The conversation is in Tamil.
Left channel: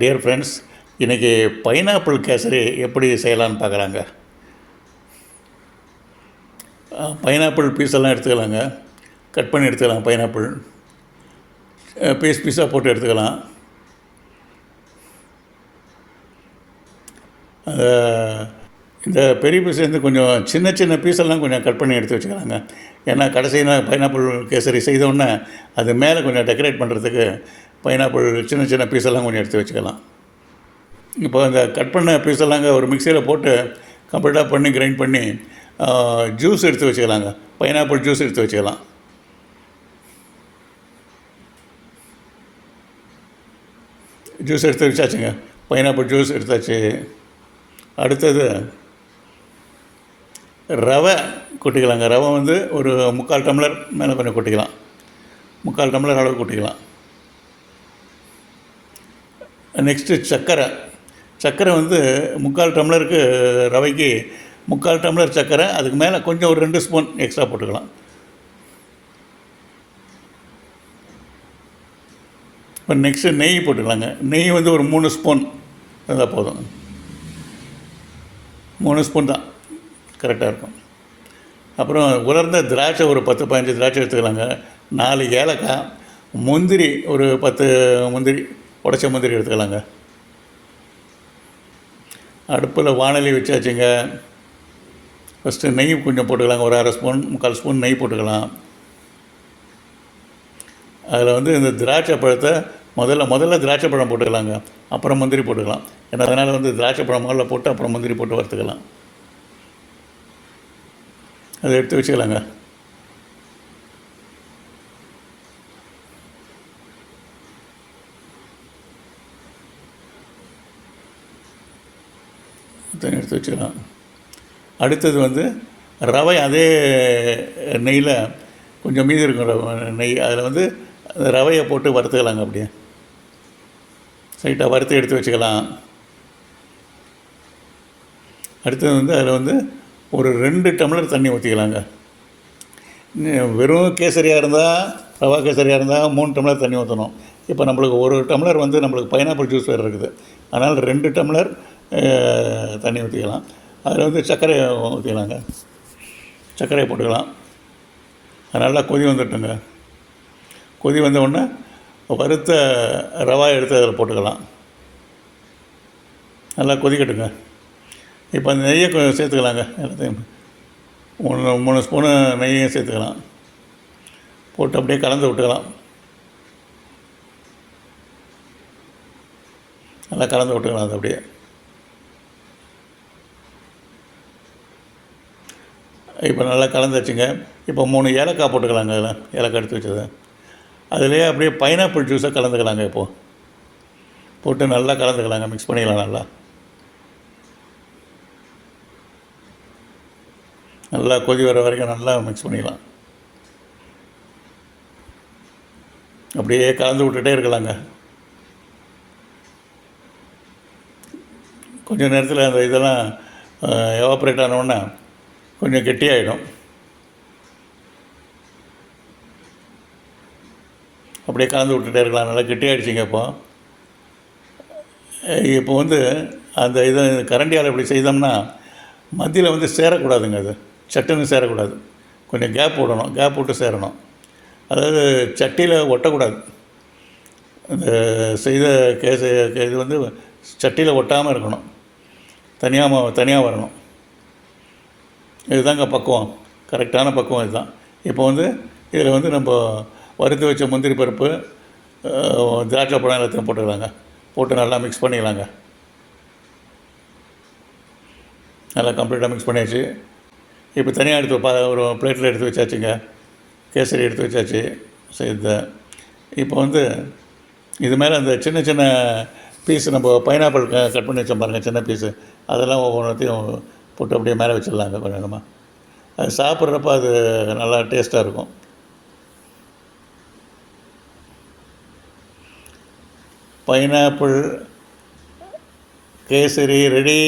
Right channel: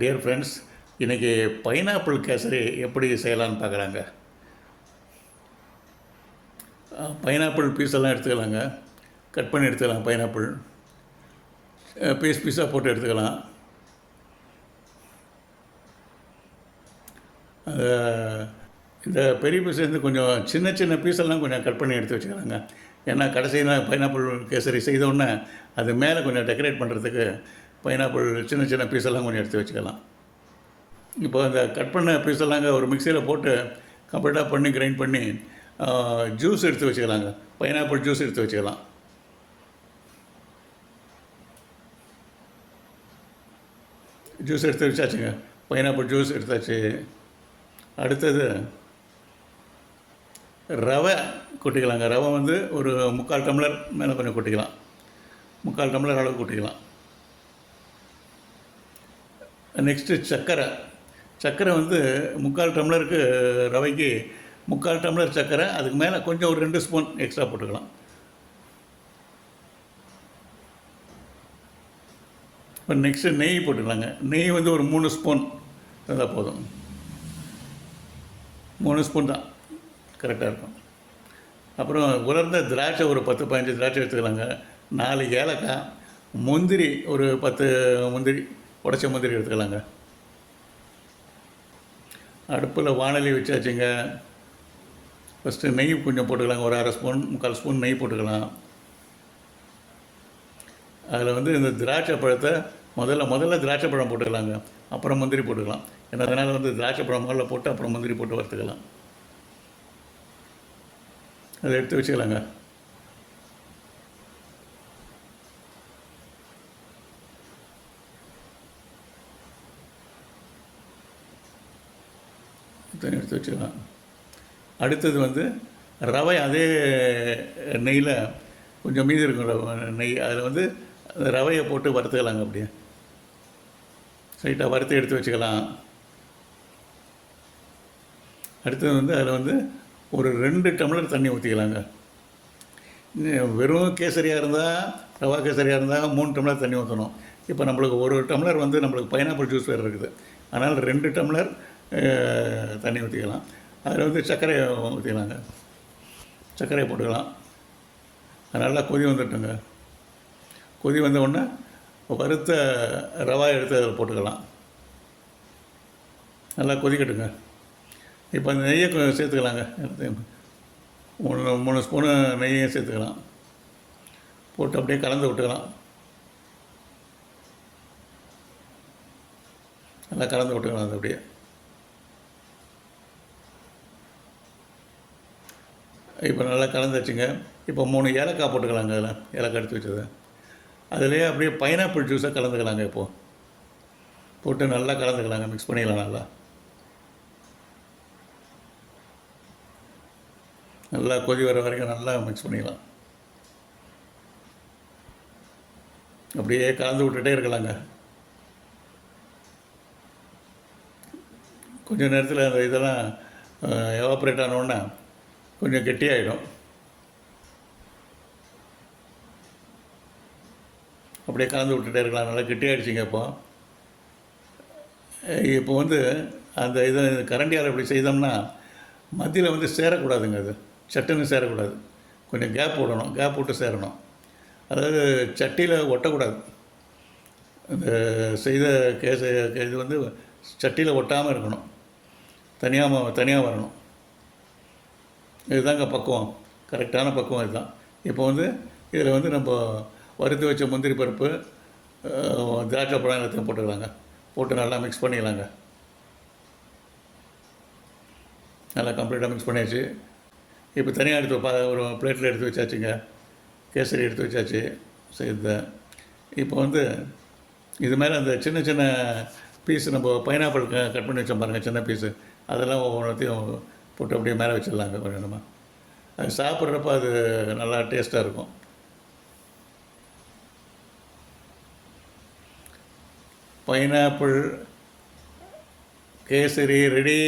டியர் ஃப்ரெண்ட்ஸ், இன்றைக்கி பைனாப்பிள் கேசரி எப்படி செய்யலான்னு பார்க்குறாங்க. பைனாப்பிள் பீஸெல்லாம் எடுத்துக்கலாங்க. கட் பண்ணி எடுத்துக்கலாம். பைனாப்பிள் பீஸ் பீஸாக போட்டு எடுத்துக்கலாம். இந்த பெரிய பீஸ்லேருந்து கொஞ்சம் சின்ன சின்ன பீஸெல்லாம் கொஞ்சம் கட் பண்ணி எடுத்து வச்சுக்கலாங்க. ஏன்னா கடைசியில் பைனாப்பிள் கேசரி செய்தோடனே அது மேலே கொஞ்சம் டெக்கரேட் பண்ணுறதுக்கு பைனாப்பிள் சின்ன சின்ன பீஸெல்லாம் கொஞ்சம் எடுத்து வச்சுக்கலாம். இப்போ இந்த கட் பண்ண பீஸெல்லாங்க ஒரு மிக்சியில் போட்டு கம்ப்ளீட்டாக பண்ணி கிரைண்ட் பண்ணி ஜூஸ் எடுத்து வச்சுக்கலாங்க. பைனாப்பிள் ஜூஸ் எடுத்து வச்சுக்கலாம். ஜூஸ் எடுத்து வச்சாச்சுங்க. பைனாப்பிள் ஜூஸ் எடுத்தாச்சு. அடுத்தது ரவை கொட்டிக்கலாங்க. ரவை வந்து ஒரு 3/4 டம்ளர் மேலே கொஞ்சம் கொட்டிக்கலாம். 3/4 டம்ளர் அளவு கொட்டிக்கலாம். நெக்ஸ்ட்டு சர்க்கரை வந்து 3/4 டம்ளருக்கு ரவைக்கு 3/4 டம்ளர் சர்க்கரை. அதுக்கு மேலே கொஞ்சம் ஒரு 2 ஸ்பூன் எக்ஸ்ட்ரா போட்டுக்கலாம். இப்போ நெக்ஸ்ட்டு நெய் போட்டுக்கலாங்க. நெய் வந்து ஒரு 3 ஸ்பூன் இருந்தால் போதும். 3 ஸ்பூன் தான் கரெக்டாக இருக்கும். அப்புறம் உலர்ந்த திராட்சை ஒரு 10-15 திராட்சை எடுத்துக்கலாங்க. 4 ஏலக்காய், முந்திரி ஒரு 10 முந்திரி, உடைச்ச முந்திரி எடுத்துக்கலாங்க. அடுப்பில் வாணலி வச்சாச்சுங்க. ஃபஸ்ட்டு நெய் கொஞ்சம் போட்டுக்கலாங்க. ஒரு 1/2 ஸ்பூன் 3/4 ஸ்பூன் நெய் போட்டுக்கலாம். அதில் வந்து இந்த திராட்சை பழத்தை முதல்ல திராட்சை பழம் போட்டுக்கலாங்க. அப்புறம் முந்திரி போட்டுக்கலாம். ஏன்னா அதனால் வந்து திராட்சை பழம் முதல்ல போட்டு அப்புறம் முந்திரி போட்டு வறுத்துக்கலாம். அதை எடுத்து வச்சுக்கலாங்க. எடுத்து வச்சுக்கலாம். அடுத்தது வந்து ரவை அதே நெய்யில் கொஞ்சம் மீதி இருக்கும் நெய், அதில் வந்து அந்த ரவையை போட்டு வறுத்துக்கலாங்க. அப்படியே சைட்டாக வறுத்து எடுத்து வச்சுக்கலாம். அடுத்தது வந்து அதில் வந்து ஒரு 2 டம்ளர் தண்ணி ஊற்றிக்கலாங்க. வெறும் கேசரியாக இருந்தால், ரவா கேசரியாக இருந்தால் 3 டம்ளர் தண்ணி ஊற்றணும். இப்போ நம்மளுக்கு 1 டம்ளர் வந்து நம்மளுக்கு பைனாப்பிள் ஜூஸ் வேறு இருக்குது. அதனால் 2 டம்ளர் தண்ணி ஊற்றிக்கலாம். அதில் வந்து சர்க்கரையை ஊற்றிக்கலாங்க. சர்க்கரையை போட்டுக்கலாம். அது நல்லா கொதி வந்துட்டுங்க. கொதி வந்த உடனே வறுத்த ரவா எடுத்து அதில் போட்டுக்கலாம். நல்லா கொதிக்கட்டுங்க. இப்போ அந்த நெய்யை கொஞ்சம் சேர்த்துக்கலாங்க. எல்லாத்தையும் 3 ஸ்பூனு நெய்யும் சேர்த்துக்கலாம். போட்டு அப்படியே கலந்து விட்டுக்கலாம். நல்லா கலந்து விட்டுக்கலாம். அது அப்படியே இப்போ நல்லா கலந்து வச்சுங்க. இப்போ 3 ஏலக்காய் போட்டுக்கலாங்க. அதில் ஏலக்காய் எடுத்து வச்சது அதிலே அப்படியே பைனாப்பிள் ஜூஸை கலந்துக்கலாங்க. இப்போது போட்டு நல்லா கலந்துக்கலாங்க. மிக்ஸ் பண்ணிக்கலாம். நல்லா கொதி வர வரைக்கும் நல்லா மிக்ஸ் பண்ணிக்கலாம். அப்படியே கலந்து விட்டுட்டே இருக்கலாங்க. கொஞ்சம் நேரத்தில் அந்த இதெல்லாம் எவாப்ரேட் ஆனவுடனே கொஞ்சம் கெட்டியாகிடும். அப்படியே கலந்து விட்டுட்டே இருக்கலாம். நல்லா கெட்டியாகிடுச்சிங்க. இப்போ வந்து அந்த இதை கரண்டியால் இப்படி செய்தோம்னா மத்தியில் வந்து சேரக்கூடாதுங்க. அது சட்டுன்னு சேரக்கூடாது. கொஞ்சம் கேப் விடணும். கேப் விட்டு சேரணும். அதாவது சட்டியில் ஒட்டக்கூடாது. இந்த செய்த இது வந்து சட்டியில் ஒட்டாமல் இருக்கணும். தனியாக வரணும். இதுதாங்க பக்குவம். கரெக்டான பக்குவம் இதுதான். இப்போ வந்து இதில் வந்து நம்ம வறுத்து வச்ச முந்திரி பருப்பு, திராட்சை பழம் எல்லாத்தையும் போட்டுக்கலாங்க. போட்டு நல்லா மிக்ஸ் பண்ணிக்கலாங்க. நல்லா கம்ப்ளீட்டாக மிக்ஸ் பண்ணியாச்சு. இப்போ தனியாக எடுத்து ஒரு பிளேட்டில் எடுத்து வச்சாச்சுங்க. கேசரி எடுத்து வச்சாச்சு செய்த. இப்போ வந்து இது மேலே அந்த சின்ன சின்ன பீஸ் நம்ம பைனாப்பிள் கட் பண்ணி வச்சோம் பாருங்கள், சின்ன பீஸு, அதெல்லாம் ஒவ்வொன்றத்தையும் போட்டு அப்படியே மேலே வச்சிடலாங்க. கொஞ்சமாக அது சாப்பிட்றப்ப அது நல்லா டேஸ்ட்டாக இருக்கும். Pineapple kesari ready.